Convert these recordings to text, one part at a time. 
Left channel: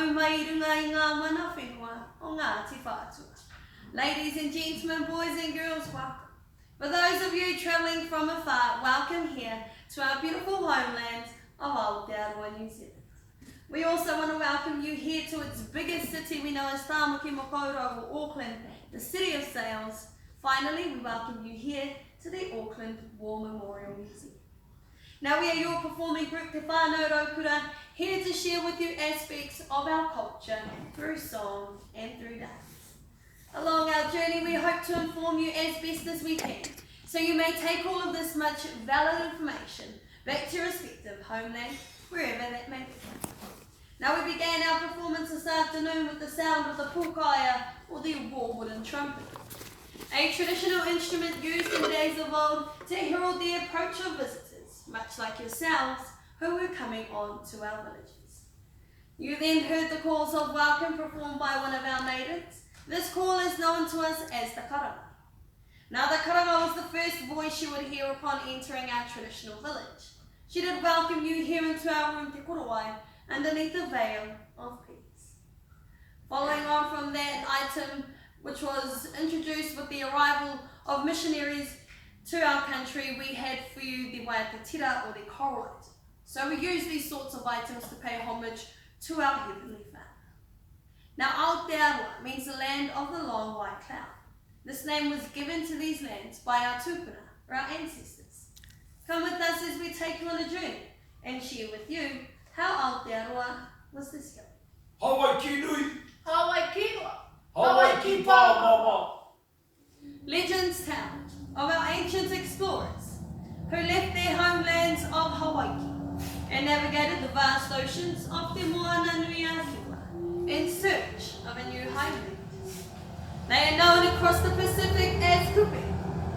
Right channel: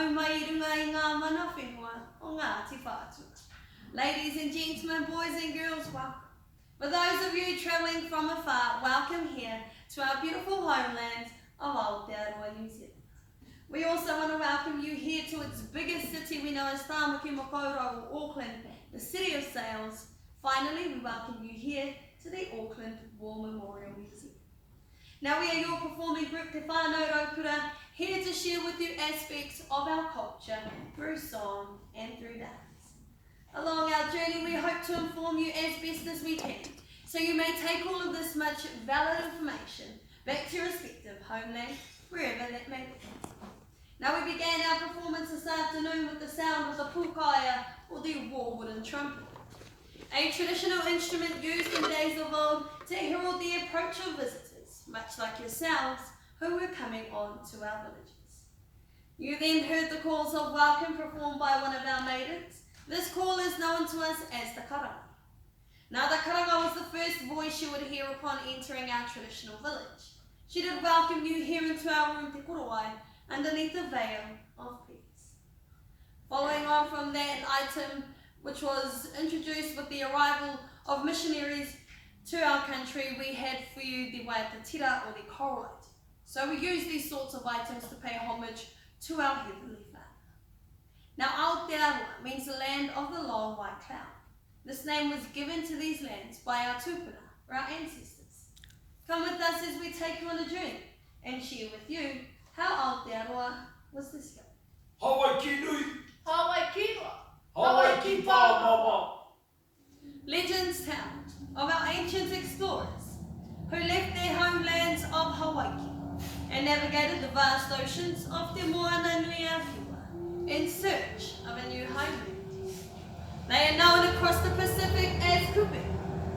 mau mai runga I ngā mana whenua o Ngāti Whātua. Ladies and gentlemen, boys and girls, welcome. For those of you travelling from afar, welcome here to our beautiful homeland of Aotearoa, New Zealand. We also want to welcome you here to its biggest city we know as Tāmaki Makaurau, or Auckland, the city of sails. Finally, we welcome you here to the Auckland War Memorial Museum. Now we are your performing group Te Whānau Raukura, here to share with you aspects of our culture through song and through dance. Along our journey, we hope to inform you as best as we can, so you may take all of this much valid information back to your respective homeland, wherever that may be. Now we began our performance this afternoon with the sound of the pūkaya, or the war wooden trumpet, a traditional instrument used in days of old to herald the approach of visitors, much like yourselves, who were coming on to our villages. You then heard the calls of welcome performed by one of our maidens. This call is known to us as the karanga. Now the karanga was the first voice you would hear upon entering our traditional village. She did welcome you here into our room Te Korowai, underneath the veil of peace. Following on from that item, which was introduced with the arrival of missionaries to our country, we had for you the waitatira, or the coral item. So we use these sorts of items to pay homage to our Heavenly Father. Now Aotearoa means the land of the long white cloud. This name was given to these lands by our tupuna, or our ancestors. Come with us as we take you on a journey and share with you how Aotearoa was discovered. Hawaii ki nui. Hawaii ki roa. Hawaii ki pā mama. Legends tell of our ancient explorers who left their homelands of Hawaii and navigated the vast oceans of Te Moana Nui a Hiwa in search of a new homeland. They are known across the Pacific as Kupe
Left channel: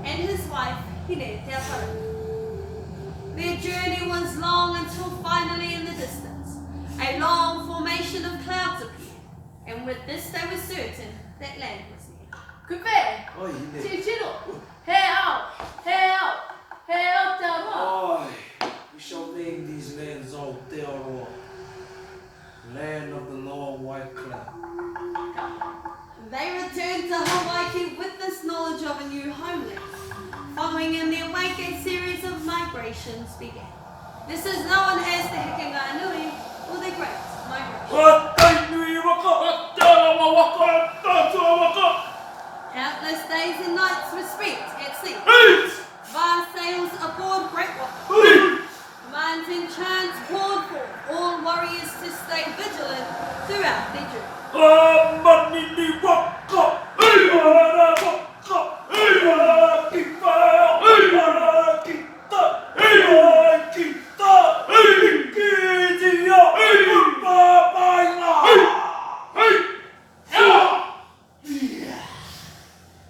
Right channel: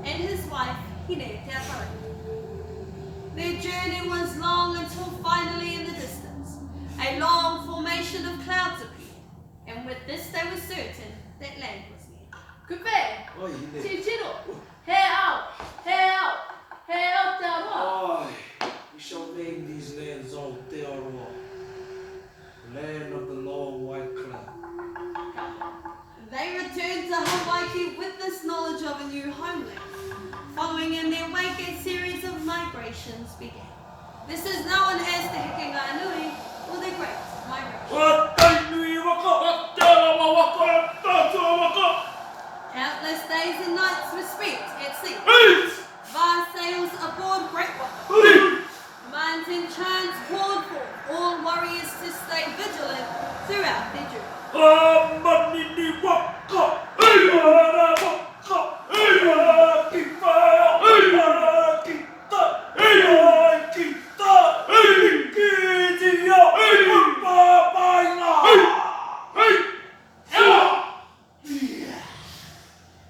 and his wife Hine Te Aparau. Their journey was long until finally in the distance, a long formation of clouds appeared, and with this they were certain that land was near. Kupe, Oi, Hine. te tiro, he ao, Aotearoa. Oi, we shall name these lands Aotearoa, land of the long white cloud. They returned to Hawaii with this knowledge of a new homeland. Following in their wake, a series of migrations began. This is known as the Hikingai Nui, or the Great Migration. Countless days and nights were spent at sea. Vast sails aboard great ones. Minds and chants poured forth, all warriors to stay vigilant throughout their journey.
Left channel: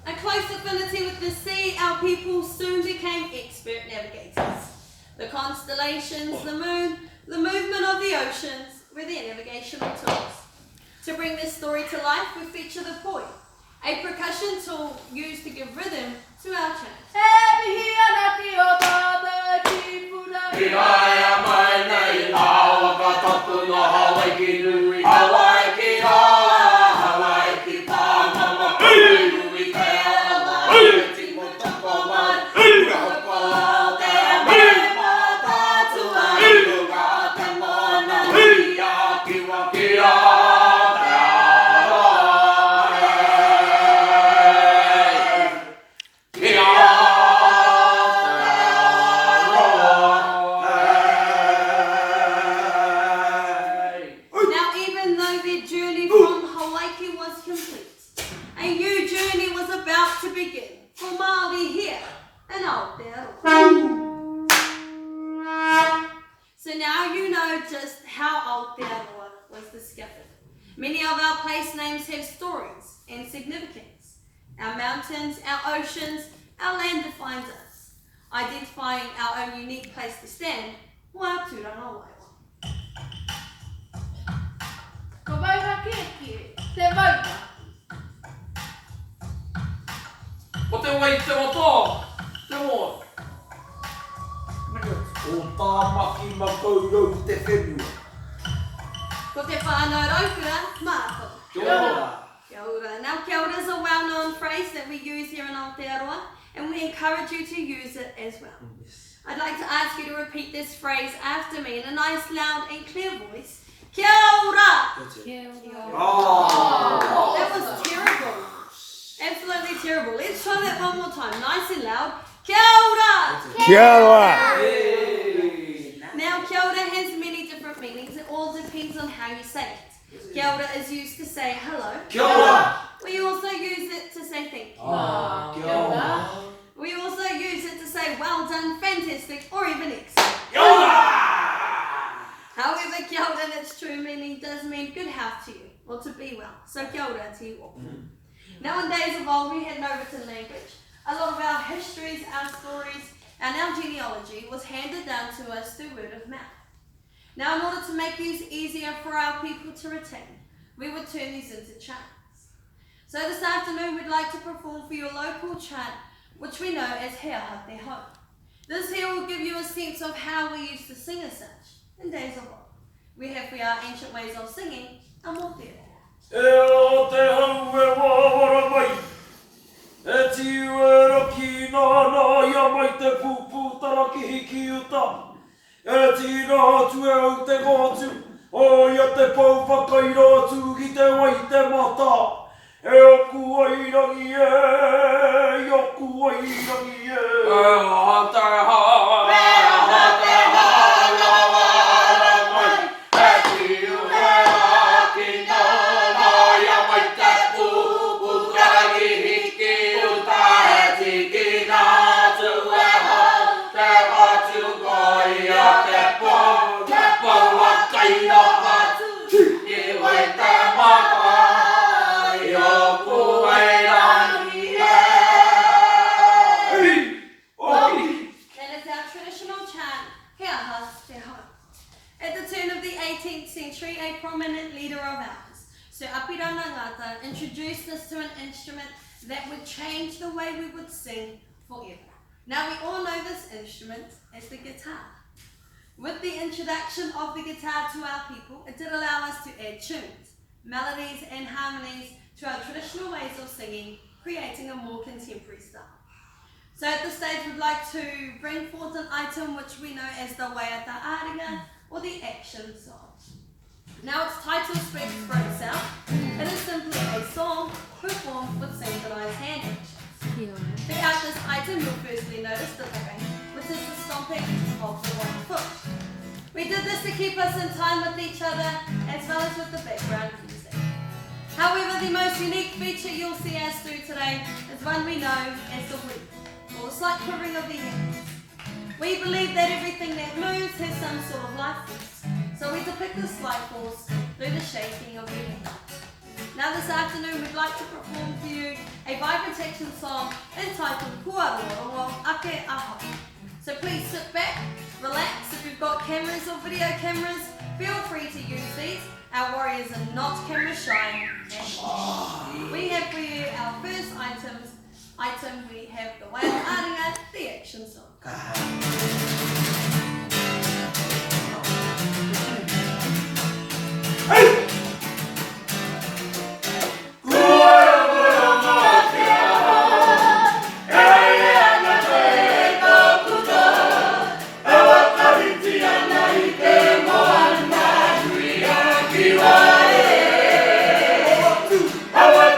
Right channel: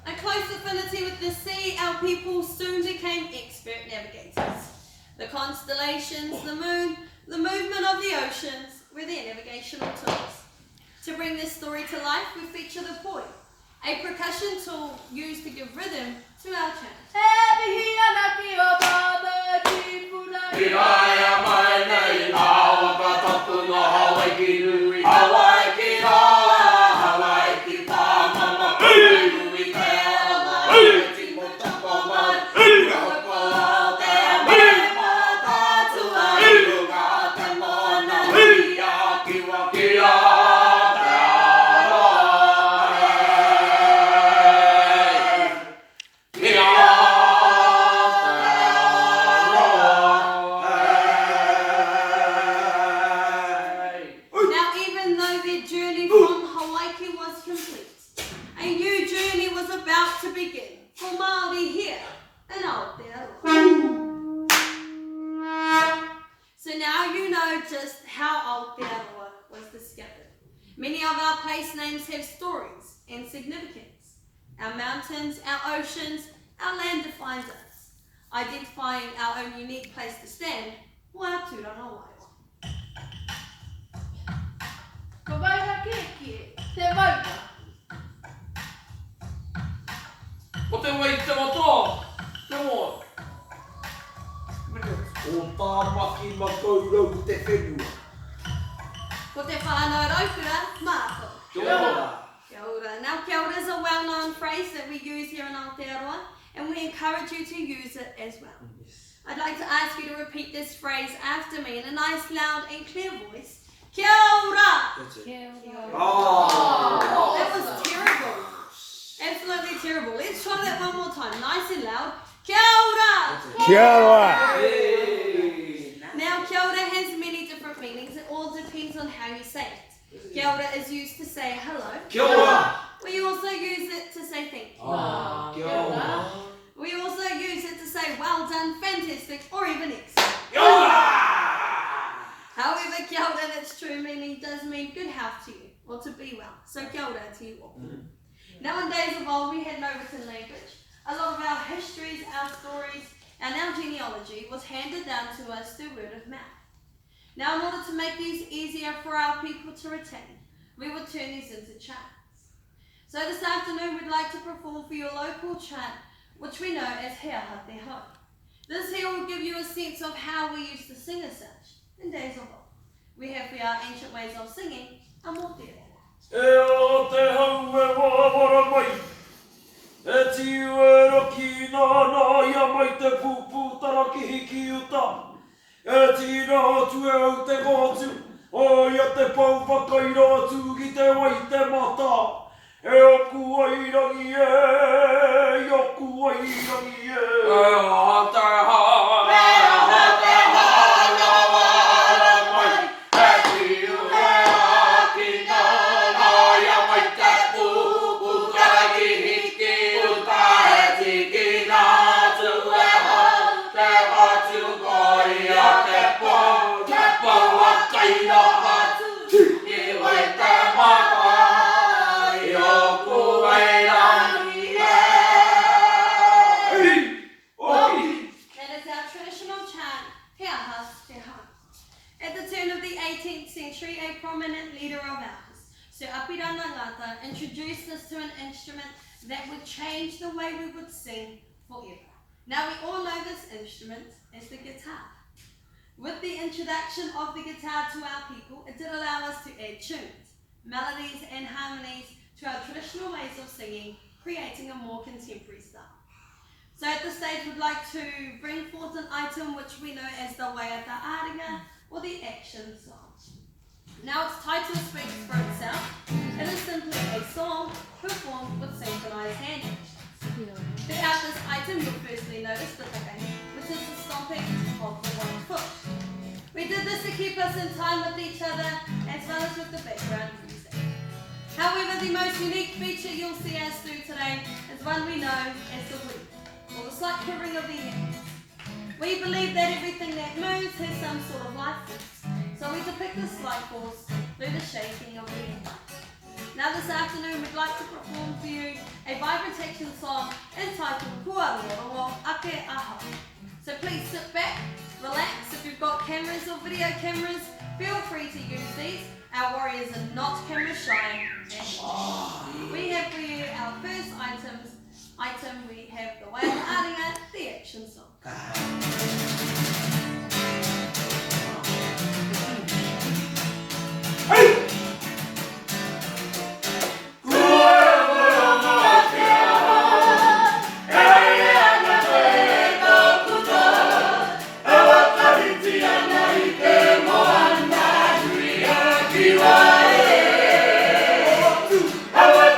A close affinity with the sea, our people soon became expert navigators. The constellations, the moon, the movement of the oceans were their navigational tools. To bring this story to life, we feature the poi, a percussion tool used to give rhythm to our chants. Just how Aotearoa was discovered. Many of our place names have stories and significance. Our mountains, our oceans, our land defines us, identifying our own unique place to stand, or our tūranga waiwa. Ko waiwa keke, te waiwa. O te wai te wata, te moa. O Tāmaki Makaurau te whenua. Ko te whānau Raukura Kia ora. Now, kia ora is a well-known phrase that we use here in Aotearoa, and we encourage you to use it as well. I'd like to ask you to repeat this phrase after me in a nice, loud and clear voice. Kia ora! Oh. That was terrible. Absolutely terrible. Let's try that one more time. Nice and loud. Kia ora! Kia ora. Now, kia ora has many different meanings. It all depends on how you say it. Kia ora is used to say hello. Kia ora. We also use it to say thank you. Kia ora. We also use it to say well done, fantastic, or even excellent. Kia ora. However, kia ora in its true meaning does mean good health to you, or to be well. So kia ora to you all. Now, in days of old, we had no written language. A lot of our histories, our stories, and our genealogy was handed down to us through word of mouth. Now, in order to make these easier for our people to retain, we would turn these into chants. So this afternoon, we'd like to perform for your local chant, which we know as He Aha Te Ho. This here will give you a sense of how we used to sing as such in days of old. We have for our ancient ways of singing, a motero. E o te hau e wawara mai, e tiu e roki nā ia mai te pūpū taraki hiki uta. E tira atu e au te ngātu, o ia te pau whakaira atu ki te wai te mata. E oku ai rangi e, i oku ai rangi e. E o te hau, That is our traditional chant, He Aha Te Ho. At the turn of the 18th century, a prominent leader of ours, Sir Apirana Ngata, introduced us to an instrument that would change the way we would sing forever. Now we all know this instrument as the guitar. With the introduction of the guitar to our people, it did allow us to add tunes, melodies and harmonies to our traditional ways of singing, creating a more contemporary style. So at this stage, we'd like to bring forth an item which we know as the Waiata Aringa, or the action song. Now its title speaks for itself. It is simply a song performed with synchronized hand actions. Throughout this item, you'll firstly notice the takai, which is the stomping of the one foot. We did this to keep us in time with each other, as well as with the background music. However, the most unique feature you'll see us do today is one we know as the weep, or the slight quivering of the hands. We believe that everything that moves has some sort of life force, so we depict this life force through the shaking of the hands. Now this afternoon we'd like to perform for you a vibration song entitled Kua Roro Ake Aha. So please sit back, relax. If you've got cameras or video cameras, feel free to use these. Our warriors are not camera shy. We have for you our first item. We have the Waiata Aringa, the action song. Hey! Hawa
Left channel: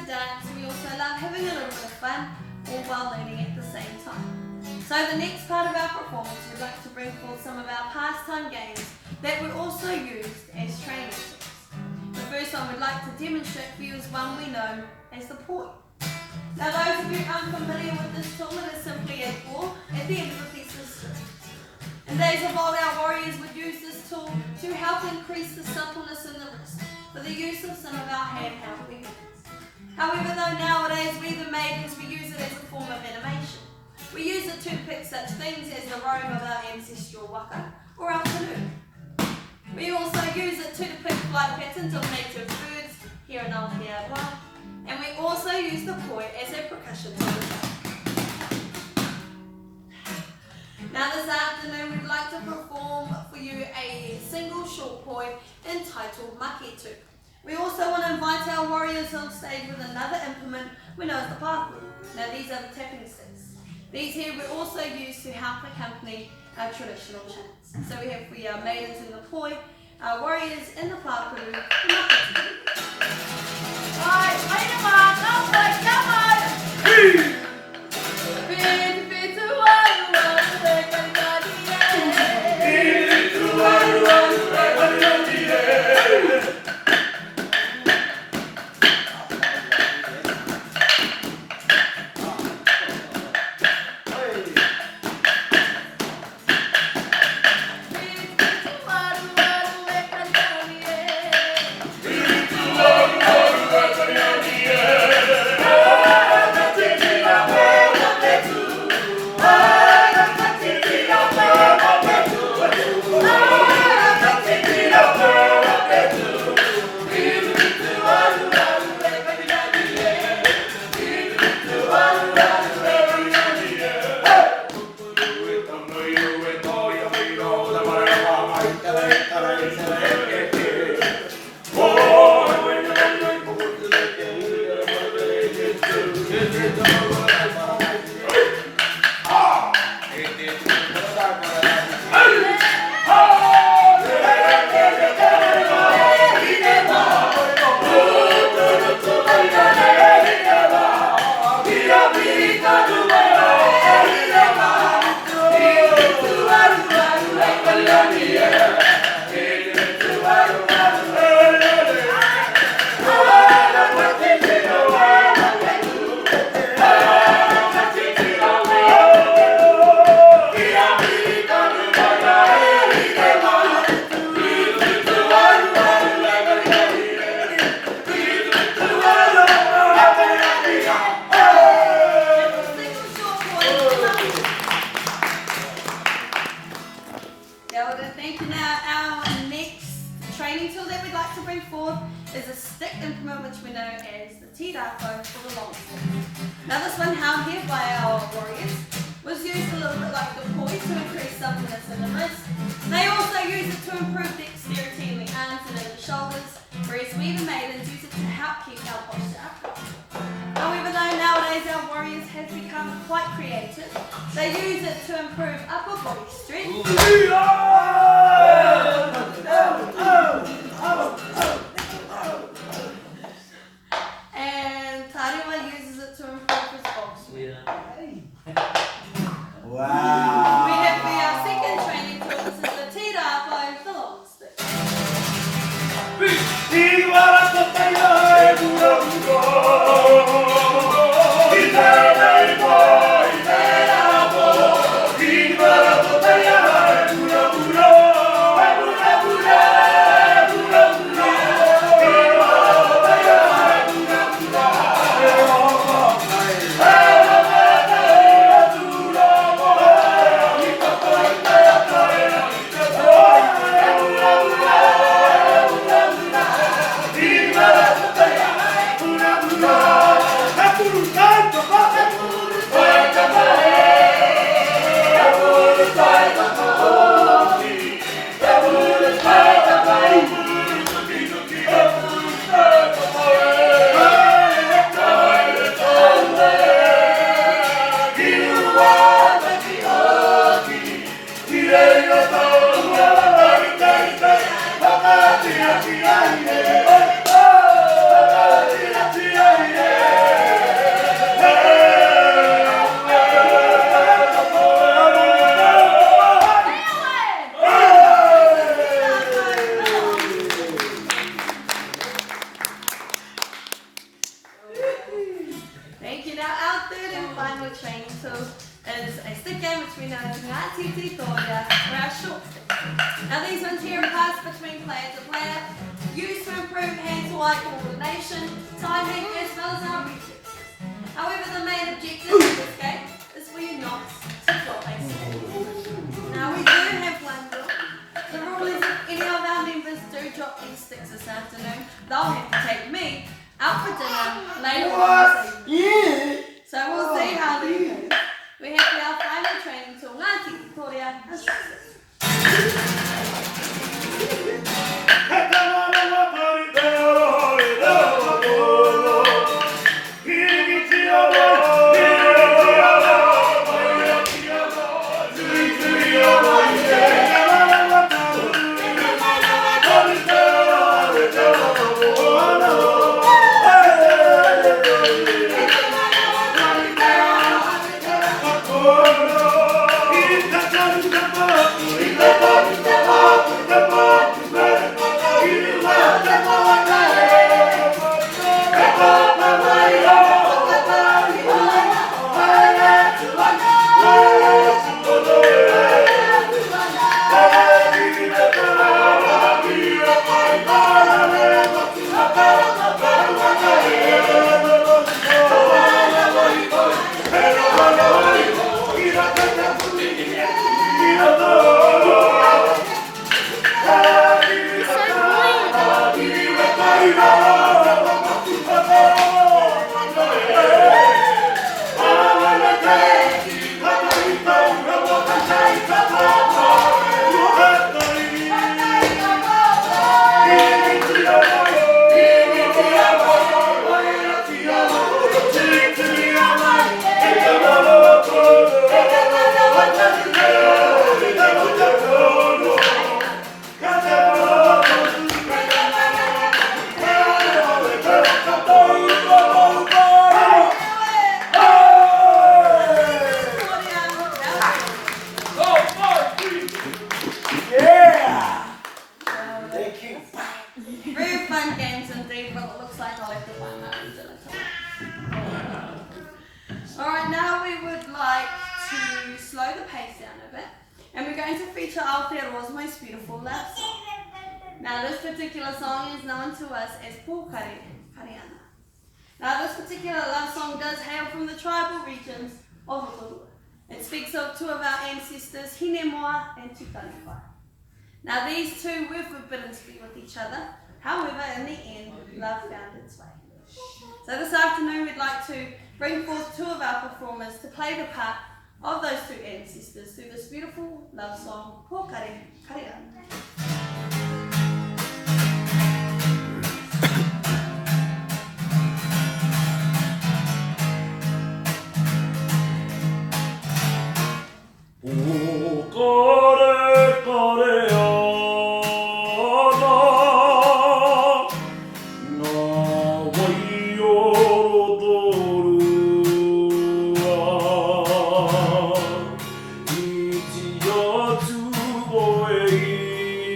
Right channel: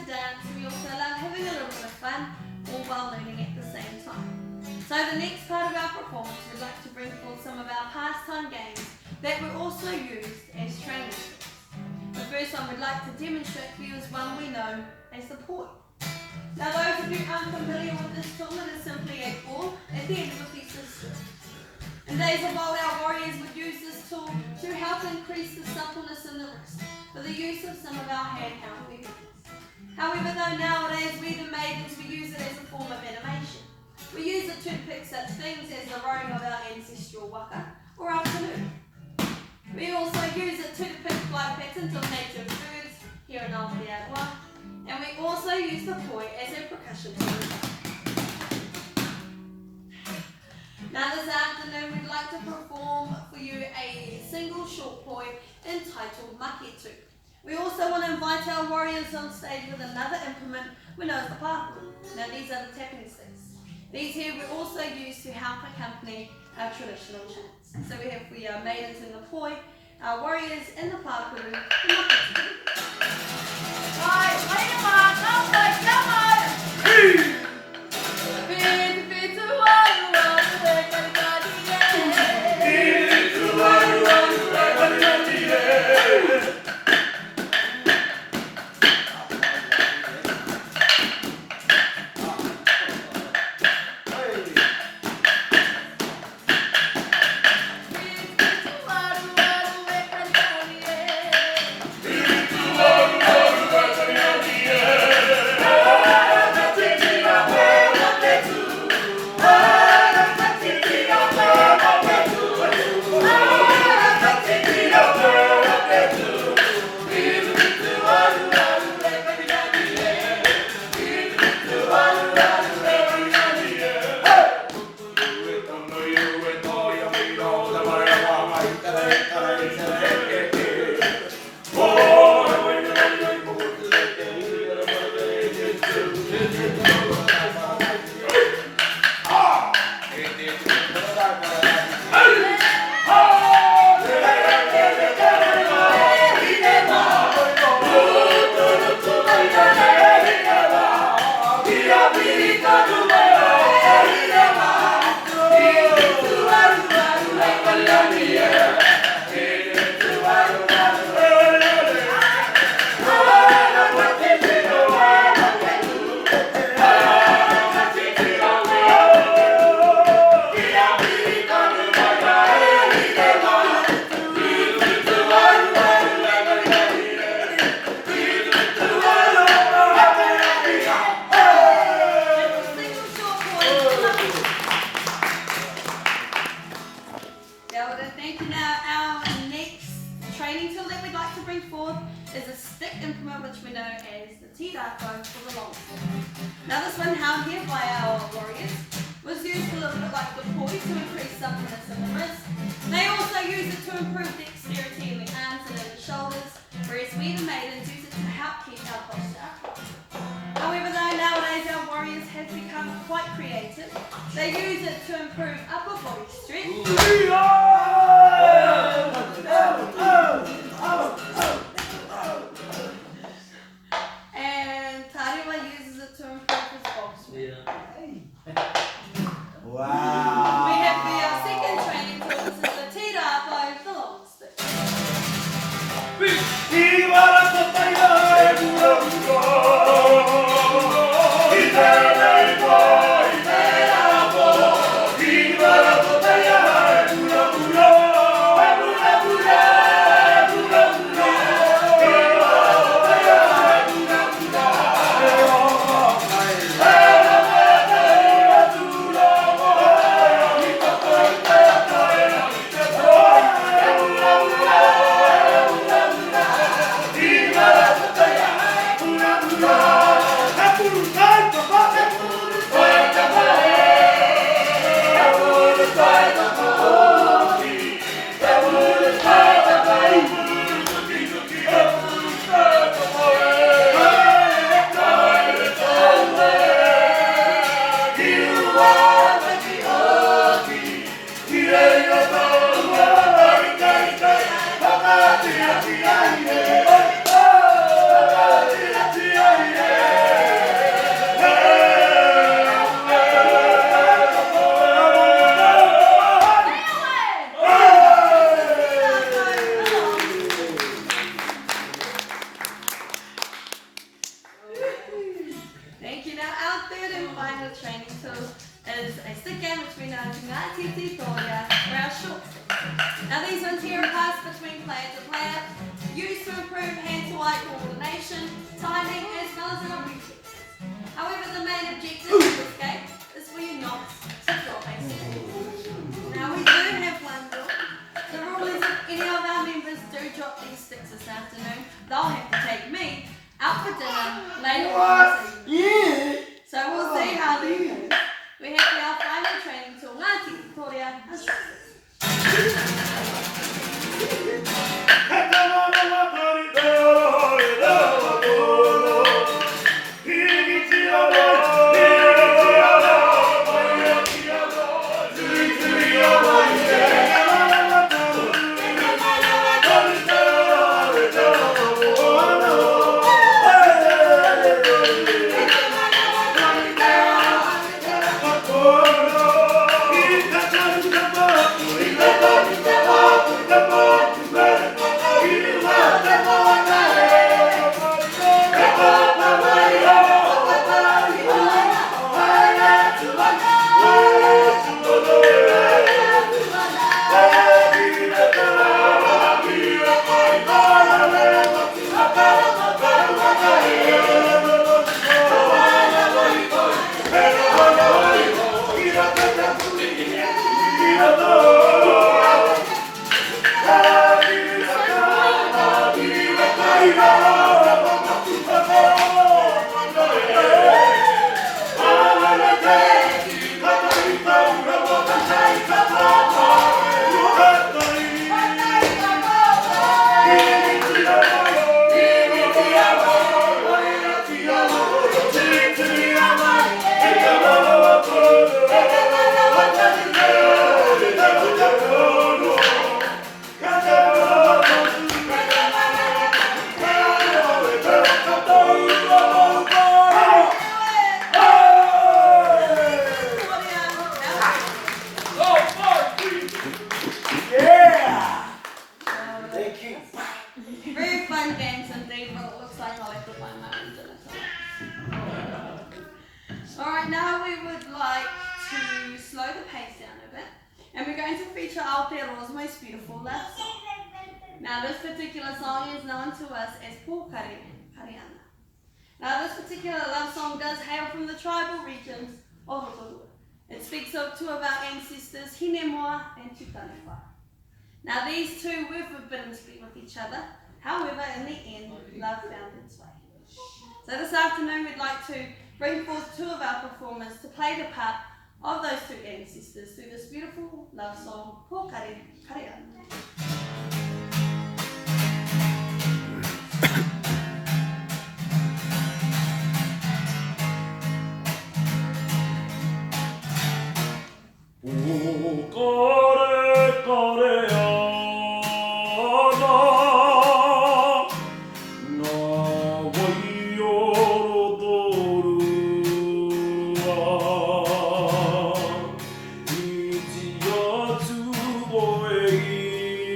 to dance, we also love having a little bit of fun, all while learning at the same time. So the next part of our performance, we'd like to bring forth some of our pastime games that were also used as training tools. The first one we'd like to demonstrate for you is one we know as the poi. Now those of you who aren't familiar with this tool, it is simply a ball at the end of a piece of string. In days of old, our warriors would use this tool to help increase the suppleness in the wrist for the use of some of our handheld weapons. However, though nowadays we the maidens, we use it as a form of animation. We use it to depict such things as the rowing of our ancestral waka or our canoe. We also use it to depict flight patterns of native birds here in Aotearoa, and we also use the poi as a percussion tool. Now this afternoon we'd like to perform for you a single short poi entitled maketu. We also want to invite our warriors on stage with another implement we know as the paku. Now these are the tapping sticks. These here we also use to help accompany our traditional chants. So we have for our maidens in the poi, our warriors in the paku, the maketu. Is a stick implement which we know as the tirafo for the long stick. Now this one held here by our warriors was used a little bit like the poi to increase suppleness in the wrist. They also use it to improve dexterity in the arms and in the shoulders, whereas we the maidens use it to help keep our posture upright. However though nowadays our warriors have become quite creative, they use it to improve upper body strength. And Tariwa uses it to improve his box swing. Wow. We have for our second training tool, this is the tirafo, the long stick. Yeah. third and final training tool is a stick game which we know as Ngā Titi Toria, or our short stick. Now these ones here are passed between player to player, used to improve hand-to-eye coordination, timing, as well as our reflexes. However, the main objective of this game is for you not to drop a stick. Now we do have one rule. The rule is if any of our members do drop these sticks this afternoon, they'll have to take me out for dinner later on this evening. Yeah. So we'll see how they go. We have our final training tool, Ngā Titi Toria, a short stick. Very fun games indeed, but it looks like I'll have to find my own dinner time. Alright, now we would like to slow the pace down a bit, and we're going to feature Aotearoa's most beautiful love song. Now this particular song is known to us as Pōkare Kariana. Now this particular love song does hail from the tribal regions of Rotorua. It speaks of two of our ancestors, Hinemoa and Tukaniwha. Now these two were forbidden to be with each other. However, in the end, love found its way. So this afternoon we'd like to bring forth two of our performers to play the part of those two ancestors through this beautiful love song, Pōkare Kariana. Boy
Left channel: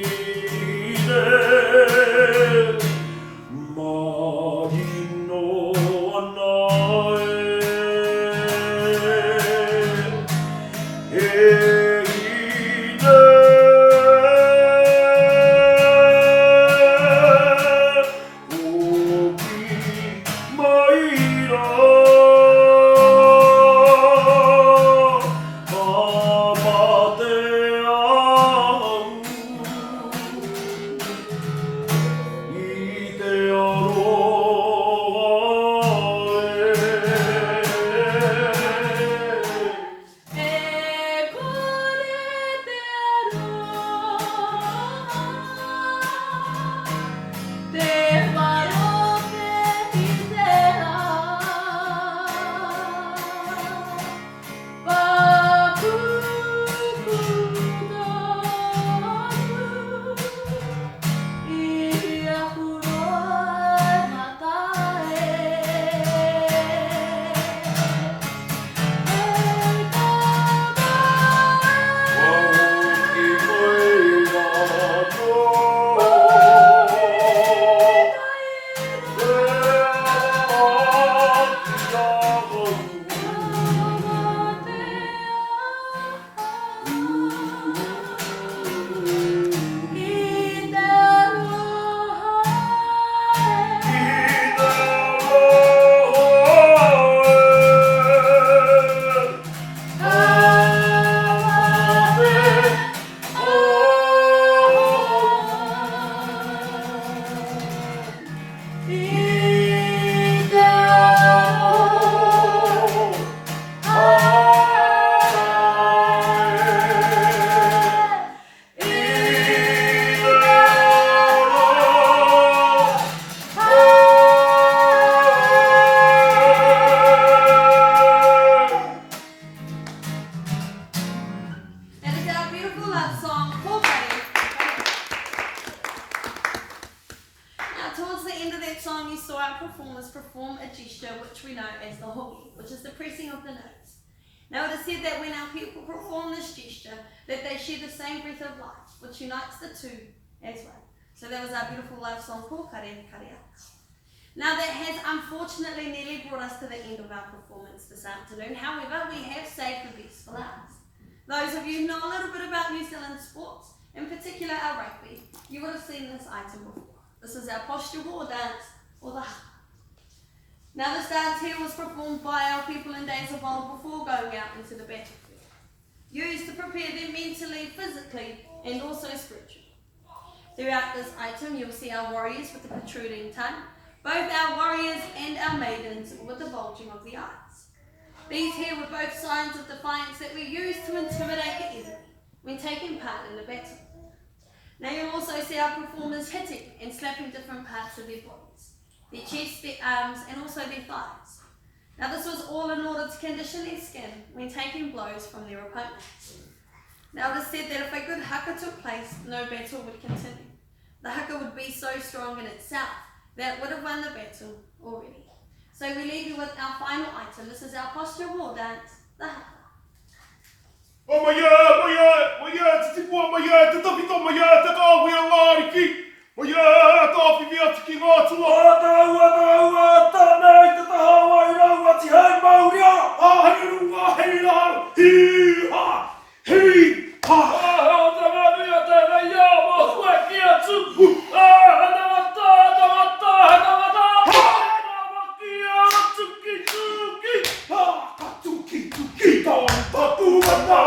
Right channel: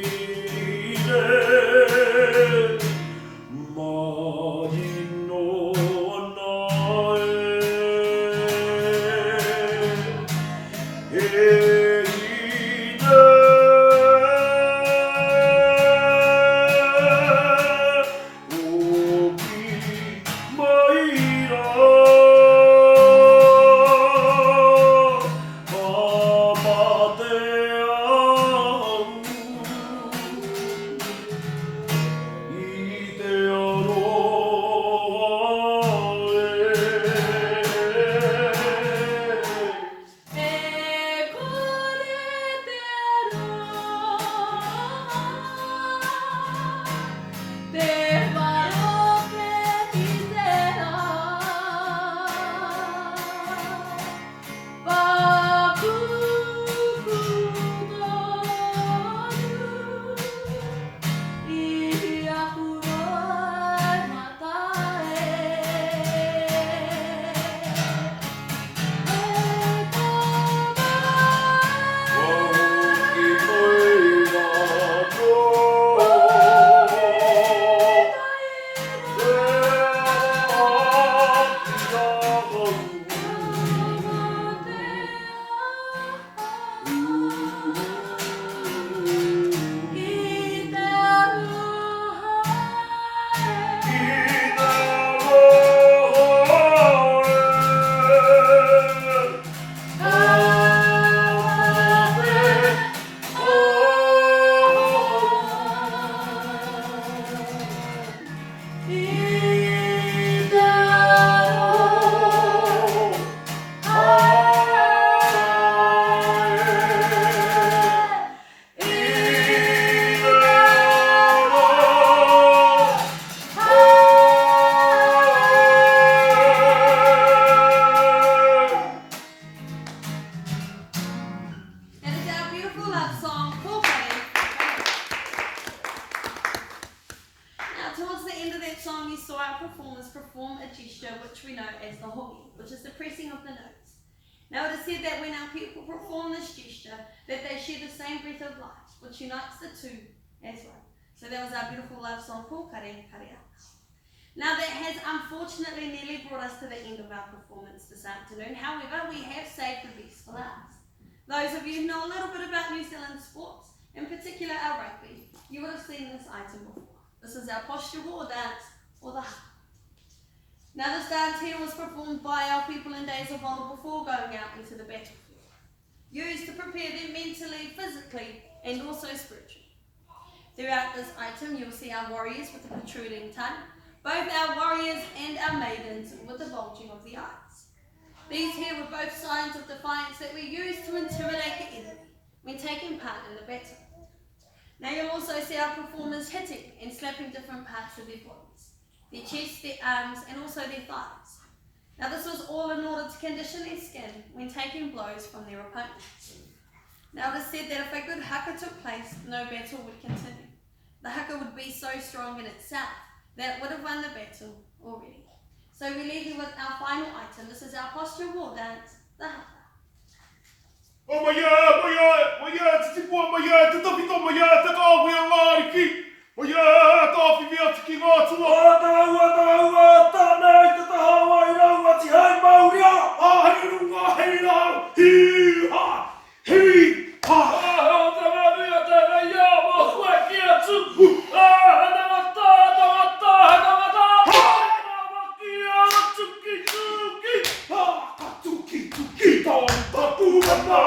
a gesture which we know as the hoki, which is the pressing of the notes. Now it is said that when our people perform this gesture, that they share the same breath of life, which unites the two as one. So that was our beautiful love song, Pōkare Karea. Now that has unfortunately nearly brought us to the end of our performance this afternoon. However, we have saved the best for last. Those of you who know a little bit about New Zealand sports, in particular our rugby, you would have seen this item before. This is our posture war dance, or the haka. Now this dance here was performed by our people in days of old before going out into the battlefield, used to prepare them mentally, physically, and also spiritually. Throughout this item, you'll see our warriors with the protruding tongue, both our warriors and our maidens with the bulging of the eyes. These here were both signs of defiance that were used to intimidate the enemy when taking part in the battle. Now you'll also see our performers hitting and slapping different parts of their bodies, their chest, their arms, and also their thighs. Now this was all in order to condition their skin when taking blows from their opponents. Now it is said that if a good haka took place, no battle would continue. The haka would be so strong in itself that it would have won the battle already. So we leave you with our final item. This is our posture war dance, the haka. O maia, titi pua maia, te toki tō maia, te kāhui a ngāri ki. Maia, tāwhi mea tiki ngā tua. Ua, tānei te tahawa i raua ti hei Maori a. Hei runga, hei rau, hi ha, hi ha. O te mania te mei a, mo koe ki a tuku. He tangata, tangata, he tangata. He tangaki a tuki, tuki. Ha, tuki, tuki, tāna tu mana.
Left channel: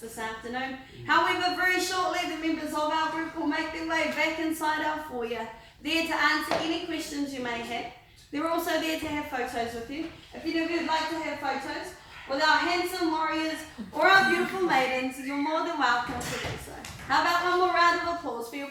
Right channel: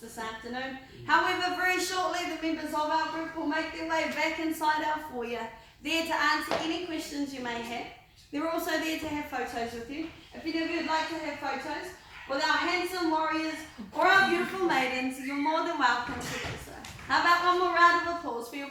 This afternoon. However, very shortly the members of our group will make their way back inside our foyer, there to answer any questions you may have. They're also there to have photos with you. If any of you would like to have photos with our handsome warriors or our beautiful maidens, you're more than welcome to do so. How about one more round of applause for your